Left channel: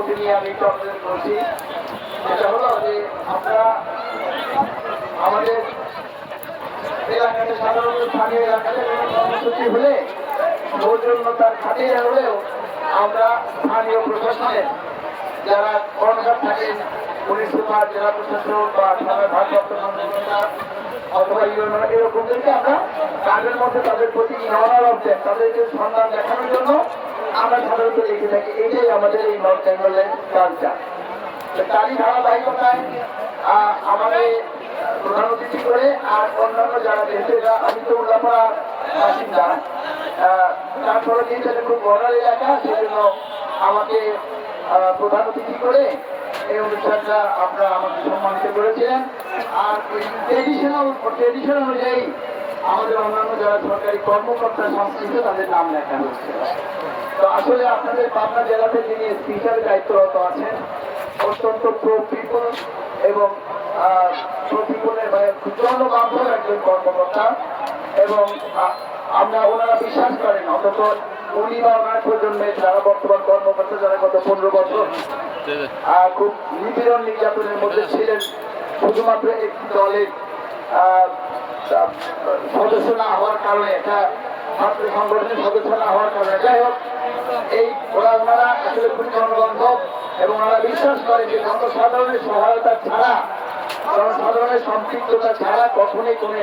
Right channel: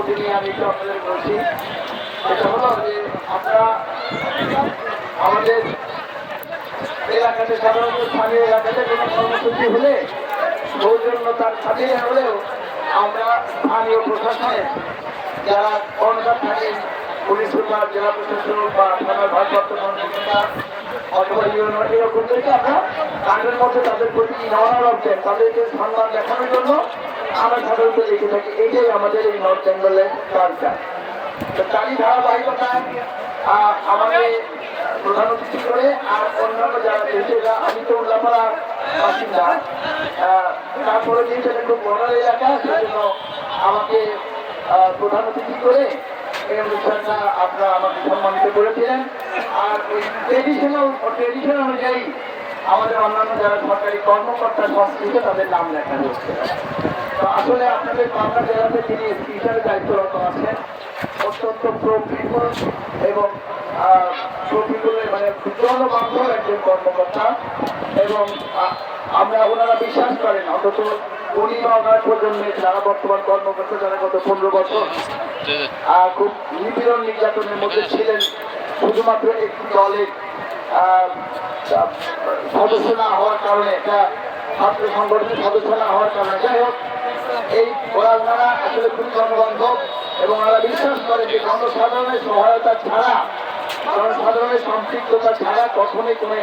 অনুভূতি নিয়ে আমি একটু আপনাদের বলছি। সেটা হলো যে আমরা আমাদের এলাকাতে সাধারণত স্থানীয় এলাকাতে কোনো কর্মসূচি হলে সৌজন্যতার খাতে হলেও আমরা স্থানীয় প্রশাসনের যারা কর্মকার থাকেন, পুলিশ সুপার, জেলা প্রশাসক বা থানার ভারপ্রাপ্ত কর্মকর্তা অথবা ইউনিয়ন এরকমদেরকে আমরা কাজের মধ্যে তাদের প্রতি রওনা রাখছেন, তাদেরকে সম্মান দেখানোর জন্য আমরা সাধারণত লিখে থাকি। এটাই আমাদের এই নর্থ বেঙ্গলের কালচার। তারই ধারাবাহিকতায় আমাদের প্রধান অতিথি করে আর অন্যান্য যারা দেশেরা, আমি তো উল্লাপাড়ার বাসিন্দা, তারপরে কিন্তু একটু বনাল এলাকা, সেজন্য আমাকে প্রধান অতিথি করে এই অনুষ্ঠানটা আপনারা আমাকে সম্মানিত করেছিলেন। আর ওই ট্রেডিশন অনুযায়ী আমাদের অন্যান্য যারা সরকারি কর্মকর্তা সংশ্লিষ্ট তাদের নাম লেখানো হচ্ছে। তো আসলে আপনাদের পাবনা জেলাতে যিনি স্পিকারের দায়িত্বরত আছেন, অত্যন্ত প্রফিকুল এবং প্রফিকুলের বিদ্রোহবান্ধব একজন কর্মকর্তা, এবং আমরা ওনারা বিশ্বাস করেন অন্তত উনি বা ওনার প্রজন্মের যারা বর্তমান কর্মকর্তা যারা গত 15 বছর খুব নিপীড়ন নির্যাতনের মধ্যে ছিলেন, শুধুমাত্র একটি দলের সদস্য না হওয়ার কারণে, একটা ছাত্র সংগঠনের সদস্য না হওয়ার কারণে, যাই হোক এই ওনারা আসলে খুব জনবান্ধব এবং ওনারা বিশ্বাস করেন যে জনসাধারণের সহায়তা ছাড়া, জনসাধারণের সম্পৃক্ততা ছাড়া কখনোই কোনো